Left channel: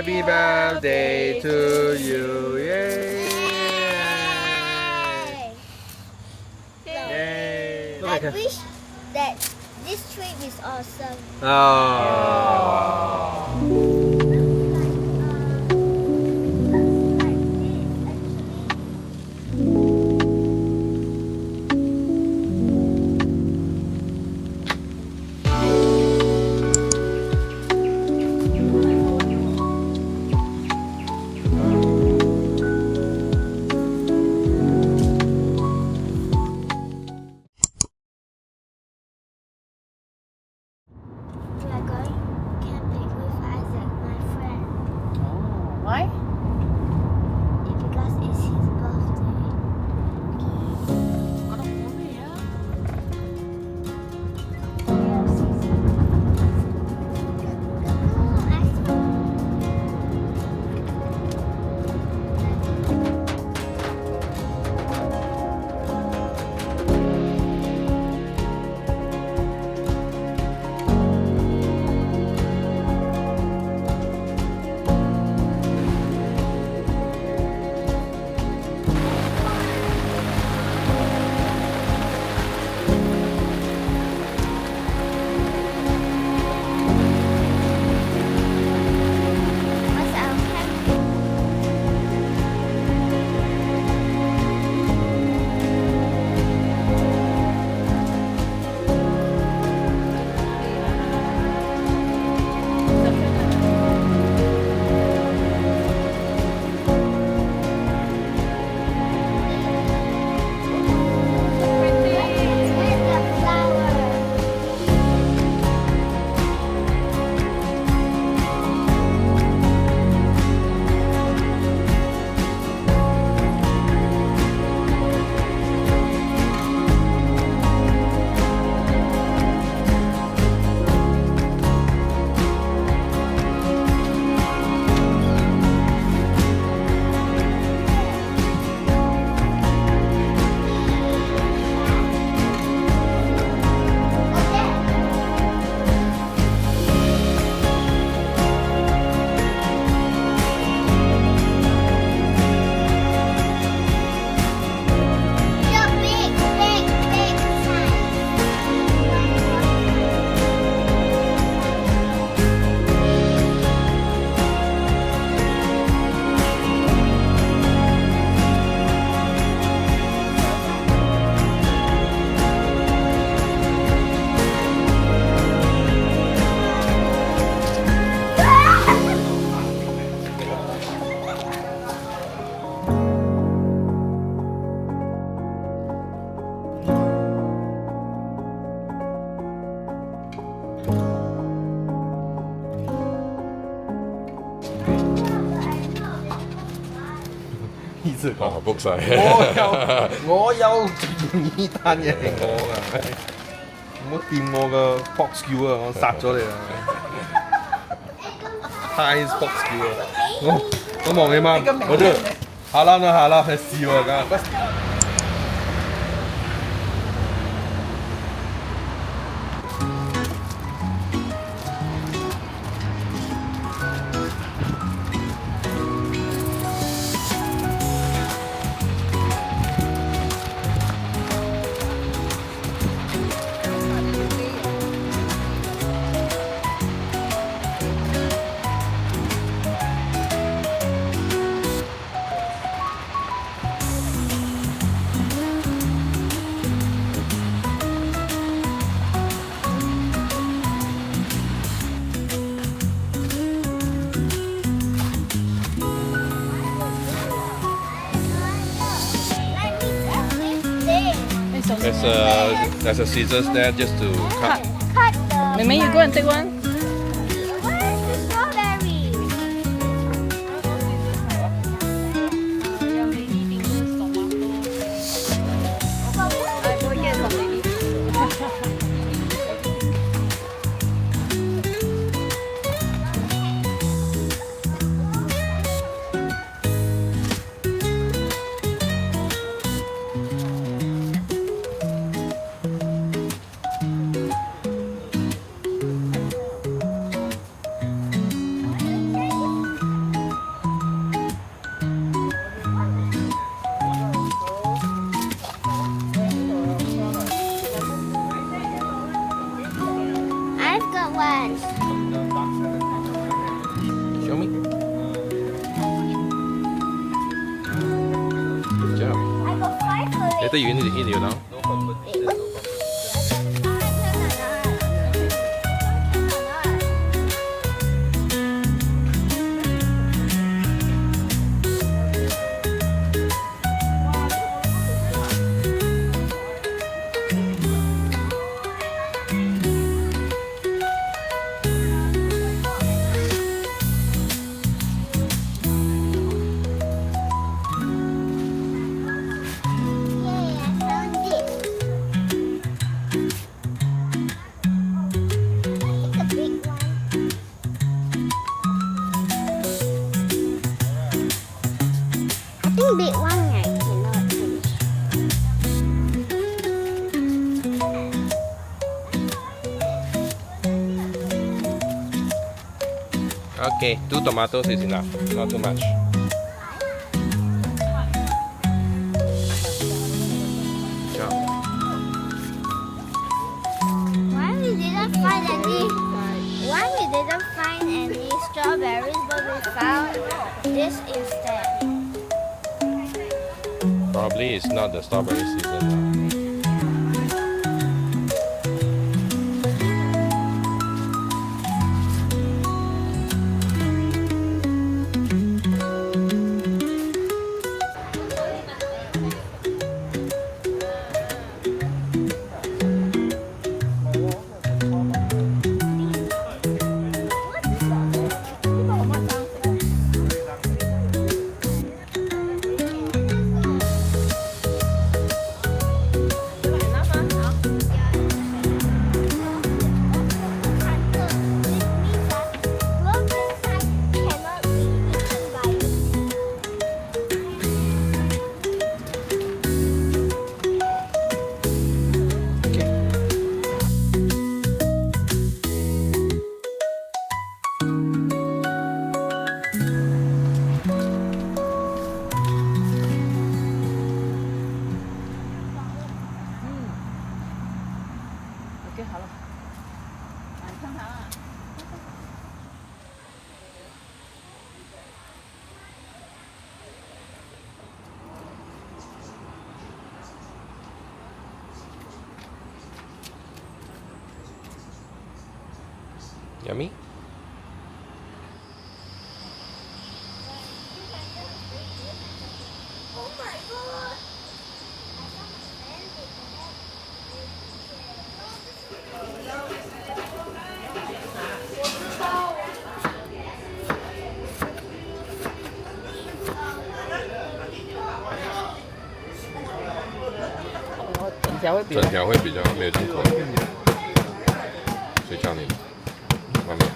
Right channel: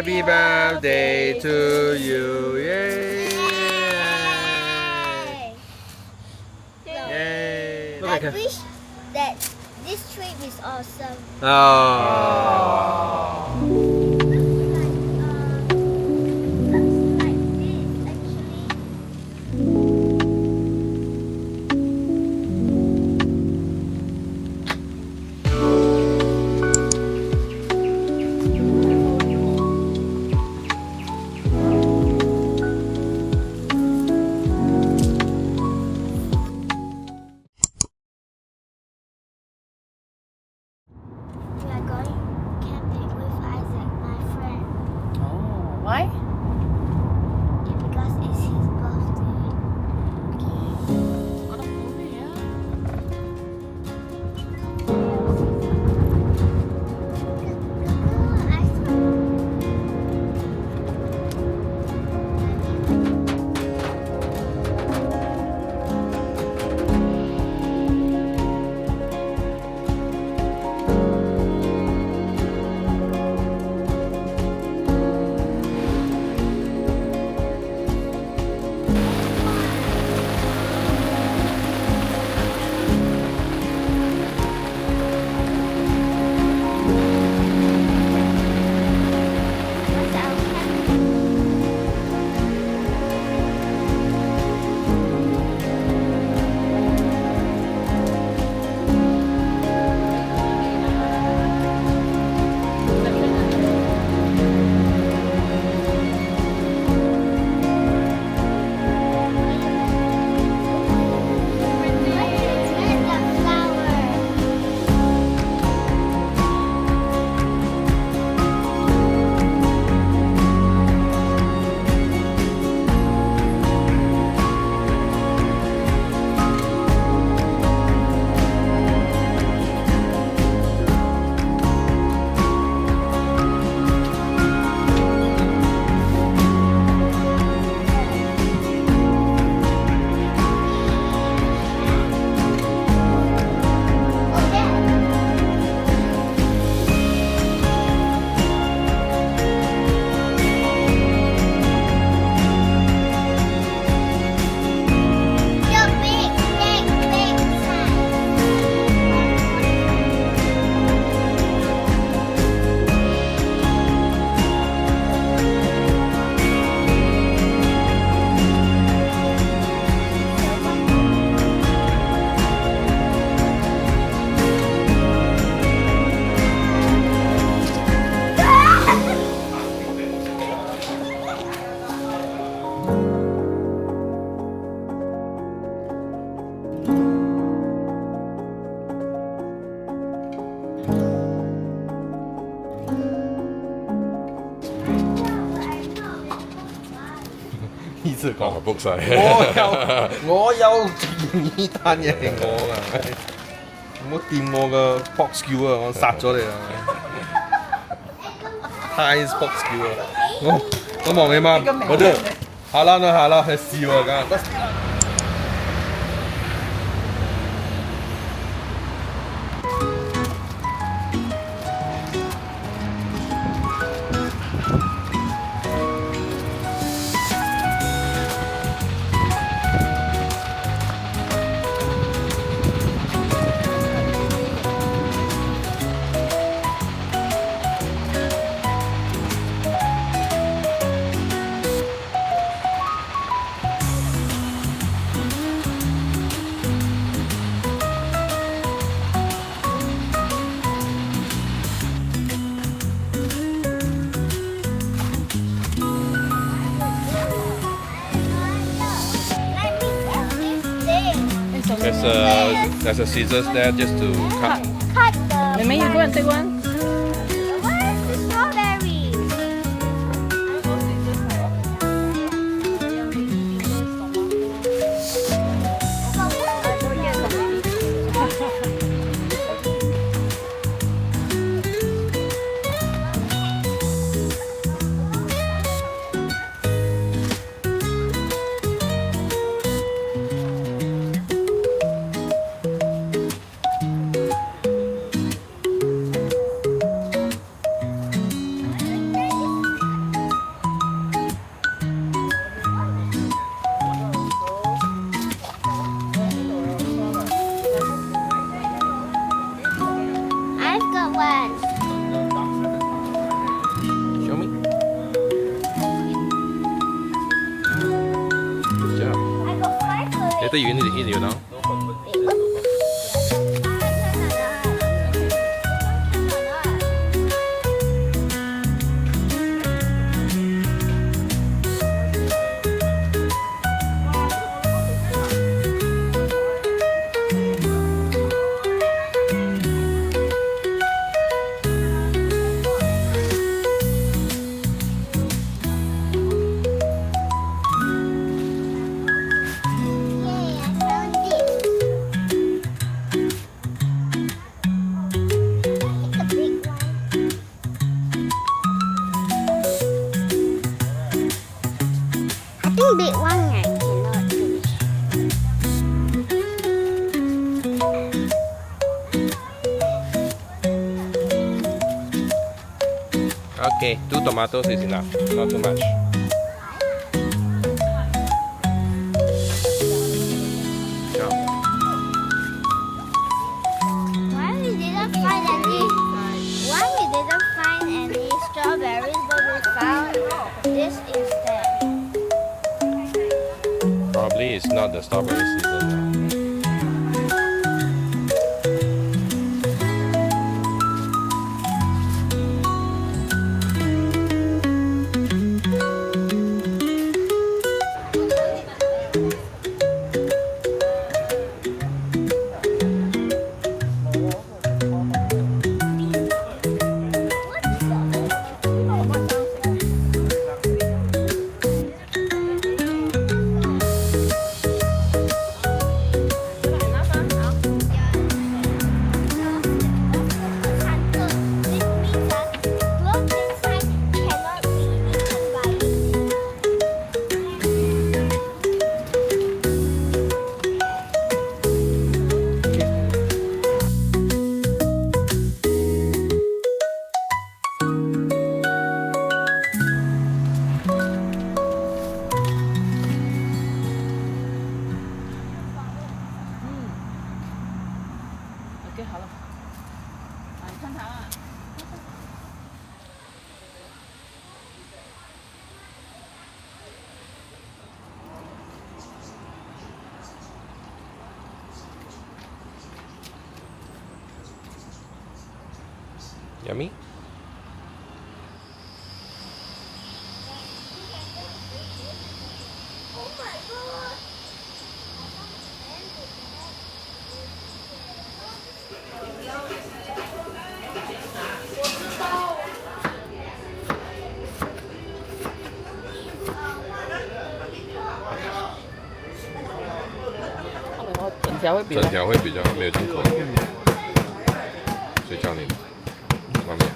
Happy birthday to you. Yay! Yay! I wish that this trip is awesome. Oh. book 晒。我有呢單嘢係我㗎，唔好掂我個 box Q 啊！我殺咗你啦！Thai box Q 啊！我望你媽，我都下啦，係笑啊㗎。There's a scissors there just to cut. Maybe you go and take one. Where's the strawberry? 得遠一條咯。Okay, 2 tomatoes is enough, not too much. Chop. Why we didn't find any strawberries, but we found this instead. Probably it's not the strawberry season now. OK， 好了，你看它啊。Yummy? Oh my god! 整条会比较没有进口，谁教你的？外面。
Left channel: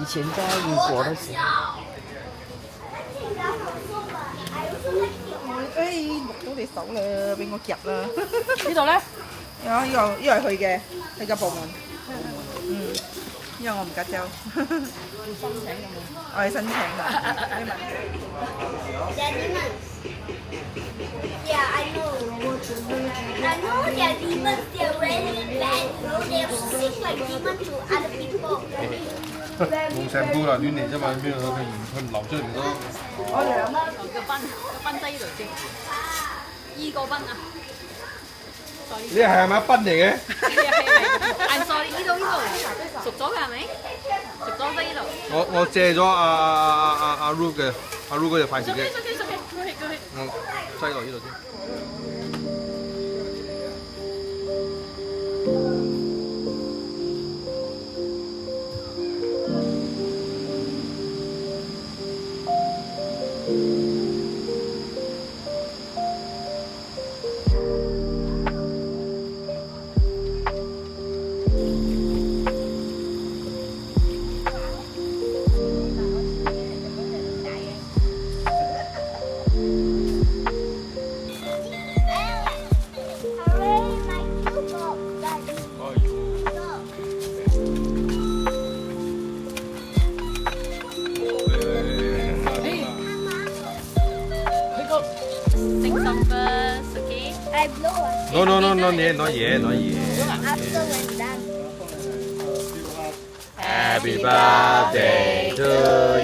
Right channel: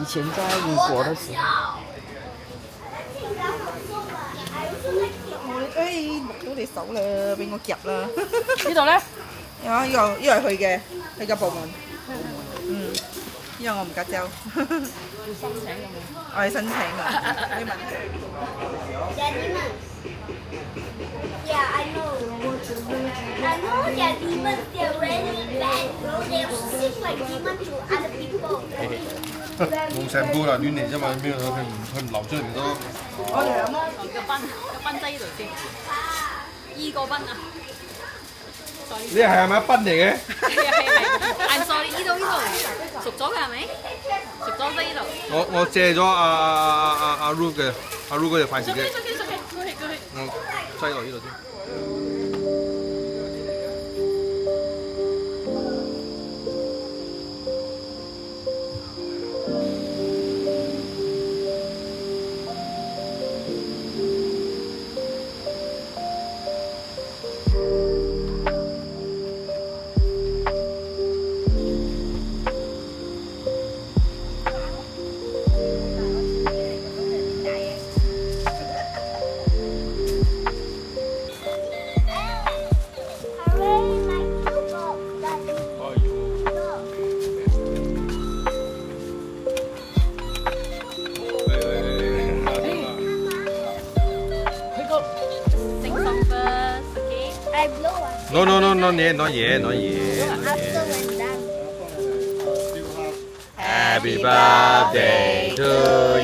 以前在英國的時候。哎，錄到你手啦，俾我夾啦。呢度咧？啊，呢個係佢嘅，佢嘅部門。嗯，因為我唔夾州。申請㗎嘛？我係申請㗎。Yeah, I know. I know they're demons. They're really bad. They seem like demons to other people. 冇成杯啊，亂嚟啫嘛，佢唔流出嚟唔多。個賓仔呢度先，依個賓啊。你係咪賓嚟嘅？I'm sorry，呢度熟咗嘅係咪？熟咗呢度。我借咗阿 Ru 嘅，阿 Ru 嗰隻筷子嘅。我擠落呢度先。I blow one. No, not yet. After when done. Happy birthday to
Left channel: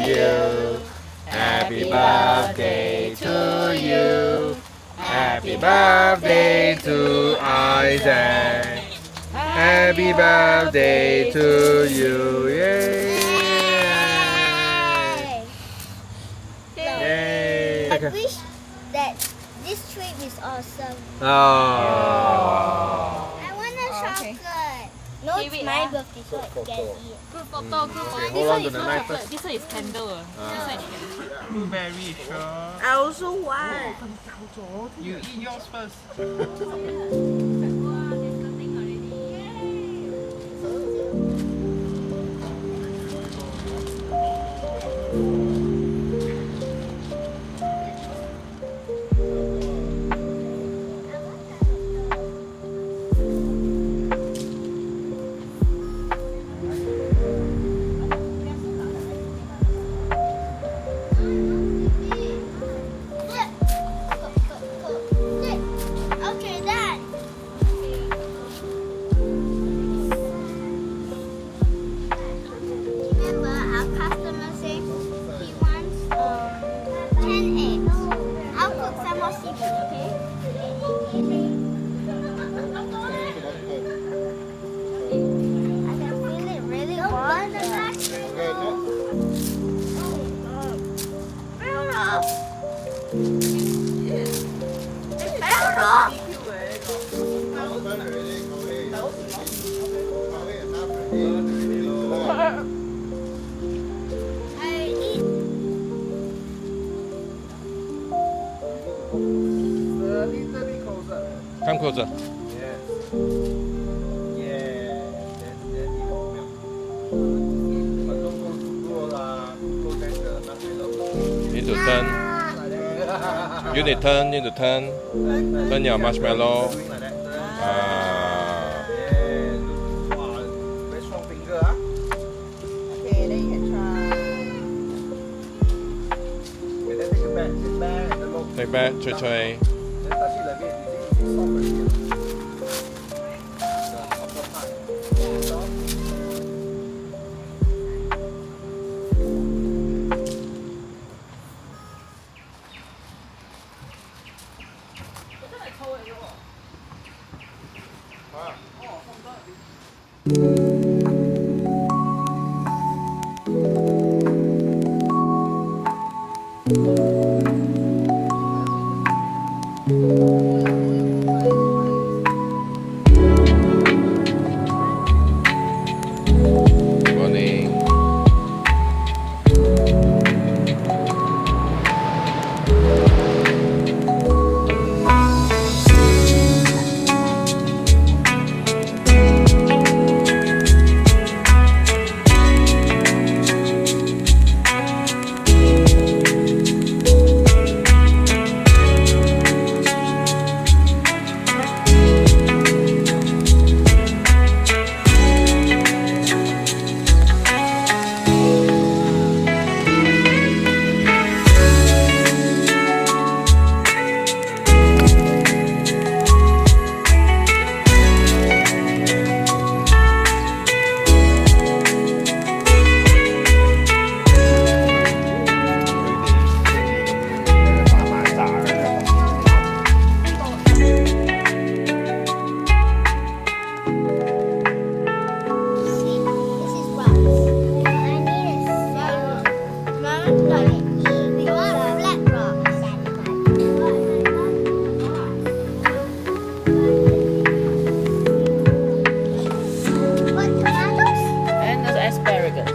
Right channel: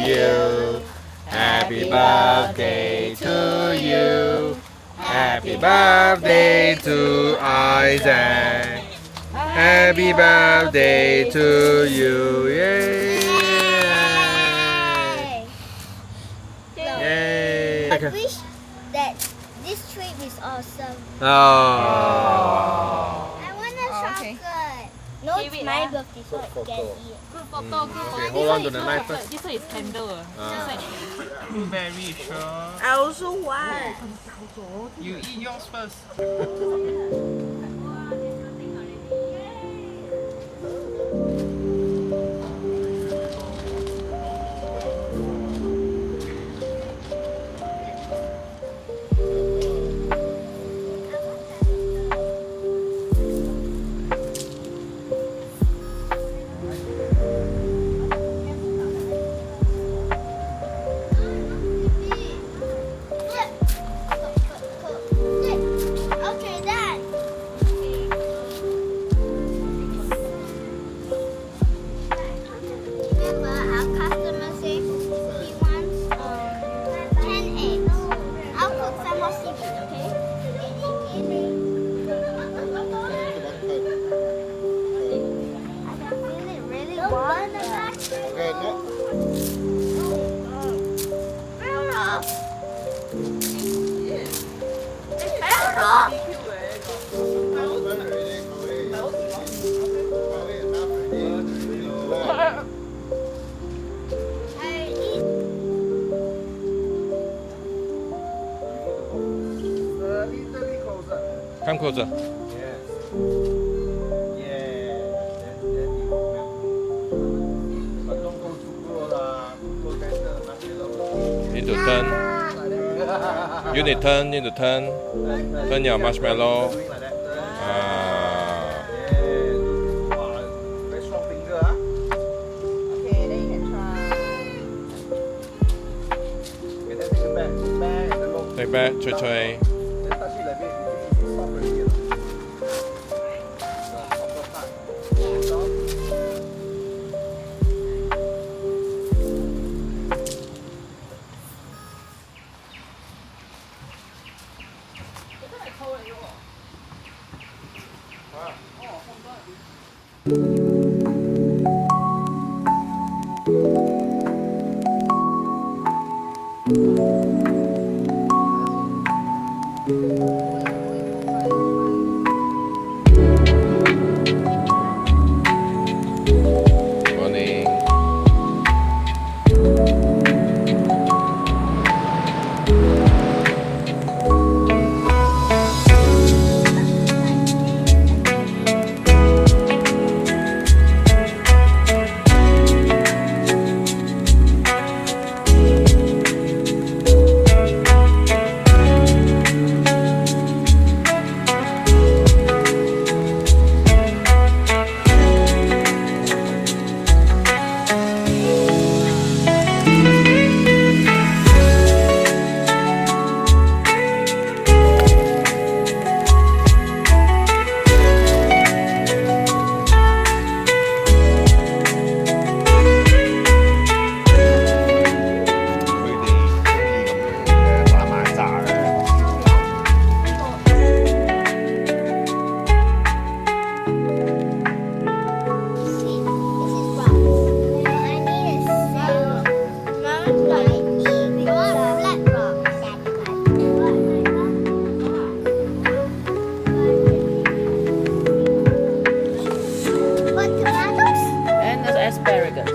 you. Happy birthday to you. Happy Happy birthday to Isaac. Happy birthday to you. Yay! Yay! I wish that this trip is awesome. Oh. I want a chocolate. No, it's my birthday, so I can eat. Good photo, good photo. Okay, hold on to the knife This first. one is candle. This one is candle. Blueberry, sure. I also want. You eat yours first. 看扣子， Yes. Yeah. Then you will melt. But don't go too close lah. Too close then the nut will need to turn. You need to turn. Turn your marshmallow. Doing like that. Turn. Ah. Yeah. Wow. Very strong finger ah. Okay, then you can try. Okay, then take it back. Sit back. Then look. Take back, 吹吹。 Then touch it like this. It's soft already lah. The upper part. Soft. Morning. This is rocks. I need a smell. Smells like flat rock. What tomatoes? And there's asparagus.